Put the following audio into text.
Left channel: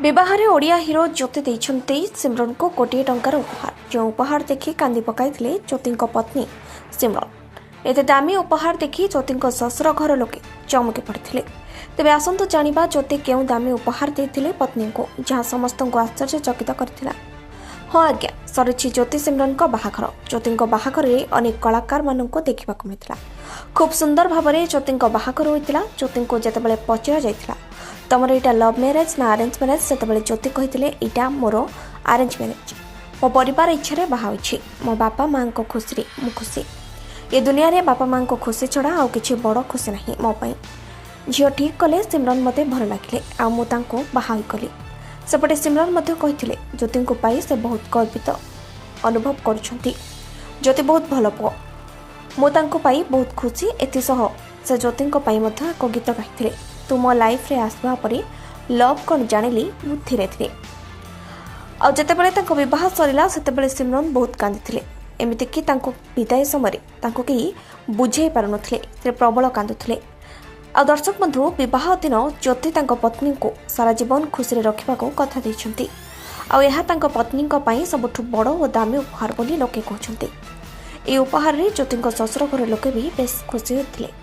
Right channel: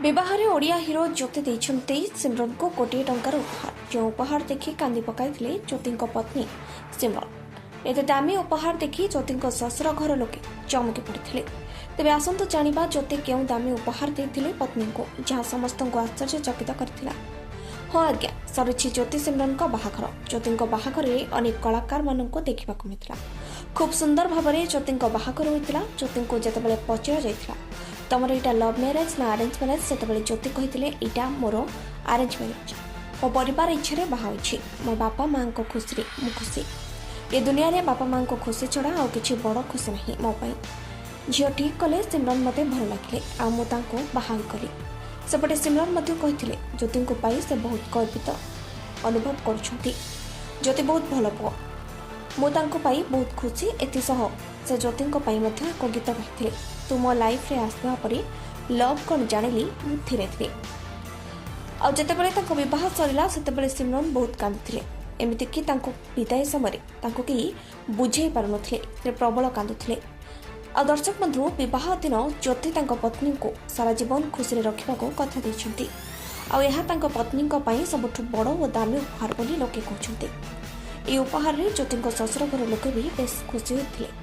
ବିବାହରେ ଓଡ଼ିଆ ହିରୋ ଜ୍ୟୋତି ଦେଇଛନ୍ତି ସିମରନକୁ କୋଟିଏ ଟଙ୍କାର ଉପହାର। ଯେଉଁ ଉପହାର ଦେଖି କାନ୍ଦି ପକାଇଥିଲେ ଜ୍ୟୋତିଙ୍କ ପତ୍ନୀ ସିମରନ। ଏତେ ଦାମୀ ଉପହାର ଦେଖି ଜ୍ୟୋତିଙ୍କ ଶ୍ୱଶୁର ଘର ଲୋକେ ଚମକି ପଡ଼ିଥିଲେ। ତେବେ ଆସନ୍ତୁ ଜାଣିବା ଜ୍ୟୋତି କେଉଁ ଦାମୀ ଉପହାର ଦେଇଥିଲେ ପତ୍ନୀଙ୍କୁ, ଯାହା ସମସ୍ତଙ୍କୁ ଆଶ୍ଚର୍ଯ୍ୟଚକିତ କରିଥିଲା। ହଁ ଆଜ୍ଞା, ସରିଛି ଜ୍ୟୋତି ସିମରନଙ୍କ ବାହାଘର। ଜ୍ୟୋତିଙ୍କ ବାହାଘରରେ ଅନେକ କଳାକାରମାନଙ୍କୁ ଦେଖିବାକୁ ମିଳିଥିଲା। ଖୁବ୍ ସୁନ୍ଦର ଭାବରେ ଜ୍ୟୋତିଙ୍କ ବାହାଘର ହୋଇଥିଲା। ଜ୍ୟୋତିଙ୍କୁ ଯେତେବେଳେ ପଚରା ଯାଇଥିଲା ତମର ଏଇଟା ଲଭ୍ ମ୍ୟାରେଜ ନା ଆରେଞ୍ଜ ମ୍ୟାରେଜ, ସେତେବେଳେ ଜ୍ୟୋତି କହିଥିଲେ ଏଇଟା ମୋର ଆରେଞ୍ଜ ମ୍ୟାରେଜ। ମୋ ପରିବାର ଇଚ୍ଛାରେ ବାହା ହୋଇଛି। ମୋ ବାପା ମାଆଙ୍କ ଖୁସିରେ ମୁଁ ଖୁସି। ଏ ଦୁନିଆରେ ବାପା ମାଆଙ୍କ ଖୁସି ଛଡ଼ା ଆଉ କିଛି ବଡ଼ ଖୁସି ନାହିଁ ମୋ ପାଇଁ। ଝିଅ ଠିକ୍ କଲେ ସିମରନ ମୋତେ ଭଲ ଲାଗିଲେ, ଆଉ ମୁଁ ତାଙ୍କୁ ବାହା ହୋଇଗଲି। ସେପଟେ ସିମରନ ମଧ୍ୟ କହିଥିଲେ ଜ୍ୟୋତିଙ୍କୁ ପାଇ ସେ ବହୁତ ଗର୍ବିତ ଅନୁଭବ କରୁଛନ୍ତି। ଜ୍ୟୋତି ବହୁତ ଭଲ ପୁଅ, ମୁଁ ତାଙ୍କୁ ପାଇ ବହୁତ ଖୁସି। ଏଥିସହ ସେ ଜ୍ୟୋତିଙ୍କ ପାଇଁ ମଧ୍ୟ ଏକ ଗୀତ ଗାଇଥିଲେ। ତୁ ମୋ ଲାଇଫ୍ରେ ଆସିବା ପରେ ଲଭ୍ କ'ଣ ଜାଣିଲି ମୁଁ ଧୀରେ ଧୀରେ। ଆଉ ଯେତେବେଳେ ତାଙ୍କ ବିବାହ ସରିଲା ସେତେବେଳେ ସିମରନ ବହୁତ କାନ୍ଦିଥିଲେ। ଏମିତିକି ତାଙ୍କ ବିଦାୟ ସମୟରେ ତାଙ୍କୁ କେହି ବୁଝେଇ ପାରୁନଥିଲେ, ସେ ପ୍ରବଳ କାନ୍ଦୁଥିଲେ। ଆଉ ଦର୍ଶକ ବନ୍ଧୁ, ବିବାହ ଦିନ ଜ୍ୟୋତି ତାଙ୍କ ପତ୍ନୀଙ୍କୁ ସାରା ଜୀବନ ଖୁସିରେ ରଖିବାକୁ କଥା ଦେଇଛନ୍ତି। ଆଉ ଏହା ତାଙ୍କ ପତ୍ନୀଙ୍କ ପାଇଁ ସବୁଠୁ ବଡ଼ ଓ ଦାମୀ ଉପହାର ବୋଲି ଲୋକେ କହୁଛନ୍ତି। ଏହି ଉପହାରରେ ଜ୍ୟୋତିଙ୍କ ଶ୍ୱଶୁର ଘର ଲୋକେ ବି ବେଶ୍ ଖୁସି ହୋଇଥିଲେ।